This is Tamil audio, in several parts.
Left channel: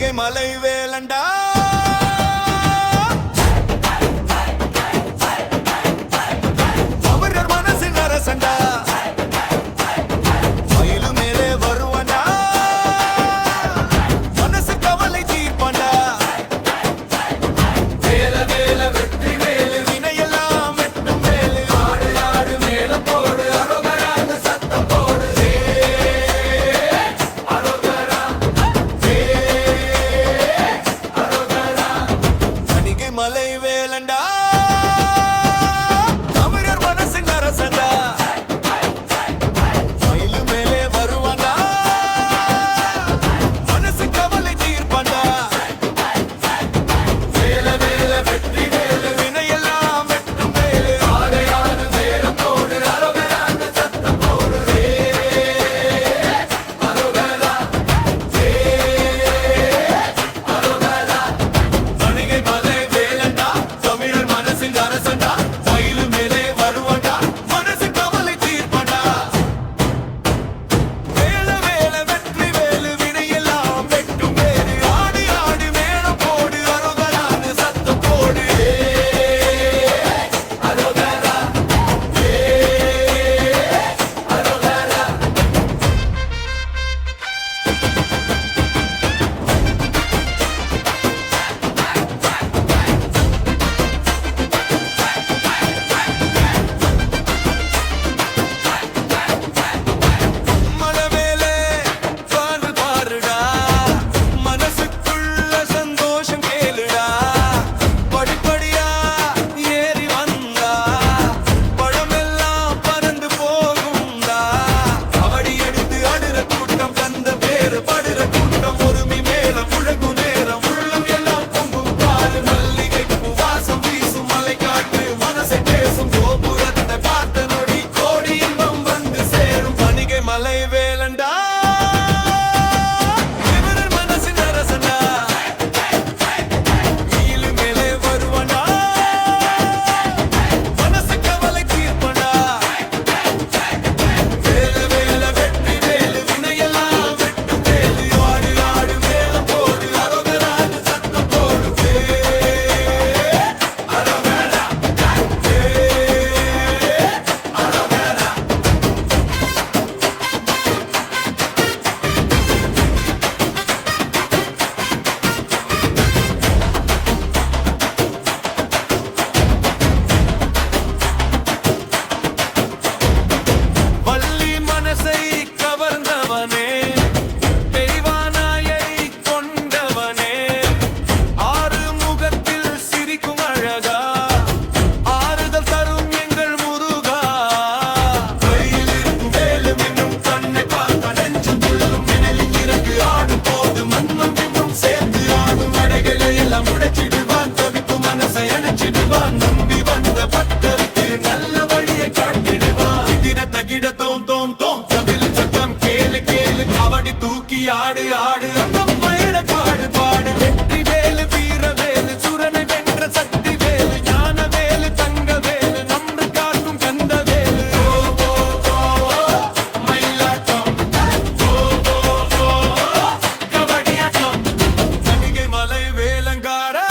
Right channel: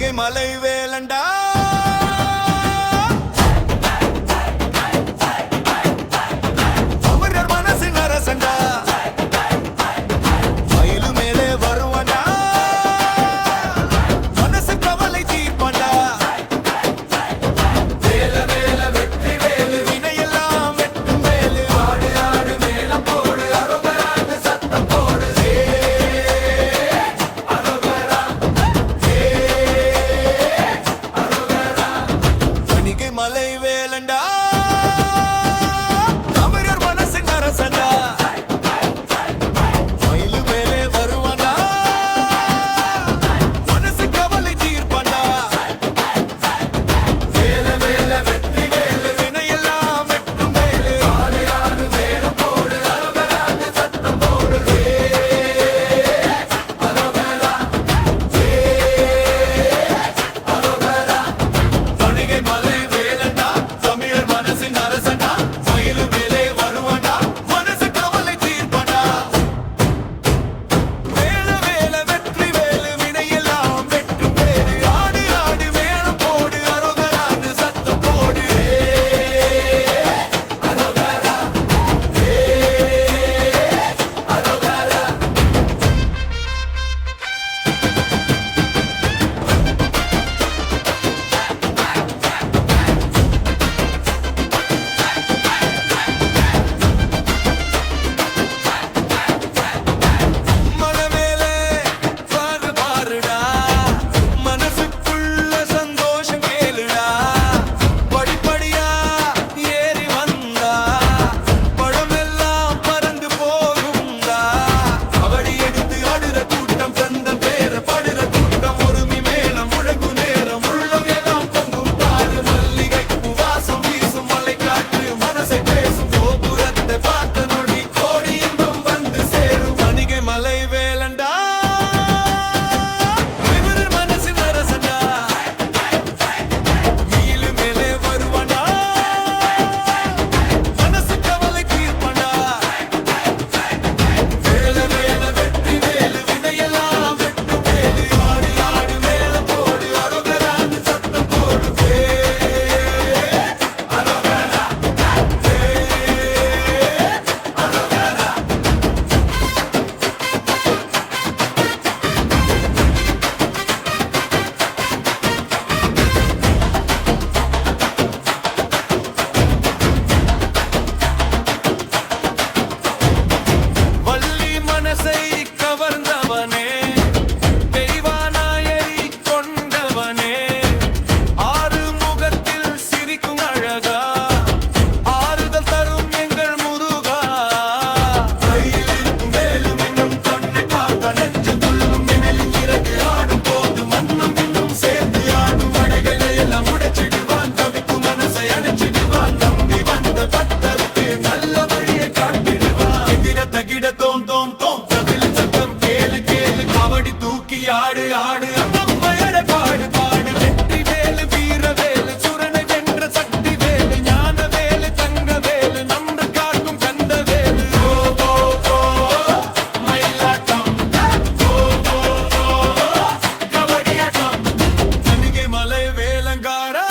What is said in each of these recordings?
தணிகை மலை வேலண்டா அமரர் மனசின் அரசண்டா மயிலு மேலே வருவாண்டா மனசு கவலை தீர்ப்பாண்டா வேல வேல வெற்றி வேலு வினையெல்லாம் வெட்டும் வேலு ஆடு ஆடு மேளம் போடு அரோகராக சத்தம் போடு அரோகரா அரோகரா தணிகை மலை வேலண்டா அமரர் மனசின் அரசண்டா மயிலு மேலே வருவாண்டா மனசு கவலை தீர்ப்பாண்டா வேல வேல வெற்றி வேலு வினையெல்லாம் வெட்டும் வேலு ஆடு ஆடு மேளம் போடு அரோகராக சத்தம் போடு அரோகரா அரோகரா தணிகை மலை வேலண்டா தமிழர் மனசின் அரசண்டா மயிலு மேலே வருவாண்டா மனசு கவலை தீர்ப்பாண்டா வேல வேல வெற்றி வேலு வினையெல்லாம் வெட்டும் வேலு ஆடு ஆடு மேளம் போடு அரோகரான்னு சத்தம் போடு அரோகரா அரோகரா மலை மேலே பாரு பாருடா மனசுக்குள்ள சந்தோஷம் கேளுடா படிப்படியா ஏறி வந்தா பழமெல்லாம் பறந்து போகும்டா கபடி எடுத்து அடுற கூட்டம் தந்த பேர படுற கூட்டம் ஒருமி மேல முழங்கு நேரம் உள்ளம் எல்லாம் பொங்கும் பாரு மல்லிகை பூவாசம் வீசும் மலை காற்று மனசை பேசும் கோபுரத்தை பார்த்த நொடி கோடி இன்பம் வந்து சேரும் தணிகை மலை வேலண்டா விவரர் மனசின் அரசண்டா மயிலு மேலே வருவாண்டா மனசு கவலை தீர்ப்பாண்டா வேல வேல வெற்றி வேலு வினையெல்லாம் வெட்டும் வேலு ஆடு ஆடு மேளம் போடு அரோகரான்னு சத்தம் போடு அரோகரா அரோகரா வள்ளி மனசை கவர்ந்தவனே தெய்வானாயை கொண்டவனே ஆறு முகத்தில் சிரிக்கும் அழகா ஆறுதல் தரும் எங்கள் முருகா கையில் இருக்கும் மேலும் இன்னும் கண்ணை பார்க்க நெஞ்சம் துள்ளும் மின்னலின் இறகு ஆடும் போது மண்ணும் இன்னும் சேர்ந்து ஆடும் அடைகளை எல்லாம் உடைச்சிடுவான் தவிக்கும் மனசை அணைச்சிடுவான் நம்பி வந்த பக்தருக்கு நல்ல வழியை காட்டிடுவான் எதிர தகிட தோம் தோம் தோம் தவில் சத்தம் கேளு கேளு கபடி தூக்கி ஆடு ஆடு அங்கம் பயண பாடு பாடு வெற்றி வேலு வீர வேலு சுரனை வென்ற சக்தி வேலு ஞான வேலு தங்க வேலு நம்பு காக்கும் கந்த வேலு மயிலாட்டம் கபடியாட்டம் தணிகை மலை வேலங்காரா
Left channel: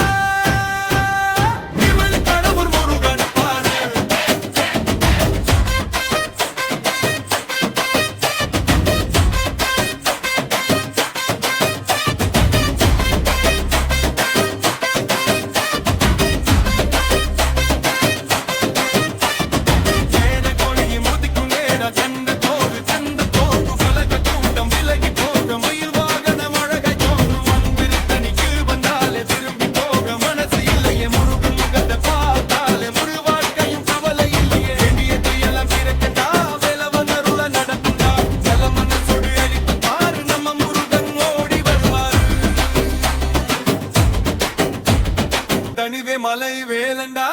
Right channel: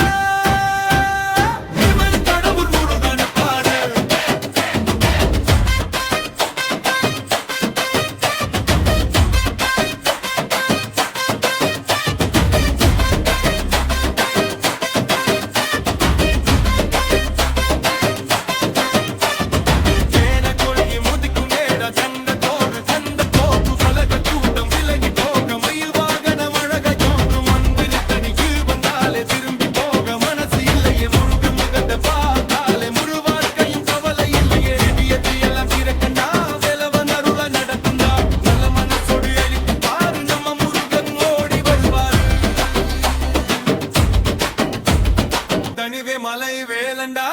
இவன் கடவுள் முருகன் பாரு தேன கொழியை முதிக்கும் நேர தந்த தோடு பலக கூட்டம் விலகி போக மயில் வாகனம் அழகை தோன்றும் அன்பிருத்தனிக்கு வந்தாலே திரும்பி போக மனசு இல்லையே முருகன் முகத்தை பார்த்தாலே முழு வாழ்க்கையும் கவலை இல்லையே வேண்டியது எல்லாம் கிடக்கண்டா வேலவன் அருள நடக்குண்டா நல்ல மனசோடு அழித்து பாரு நம்ம முருகன் ஓடி வருவாரு தனிவே மலை வேலண்டா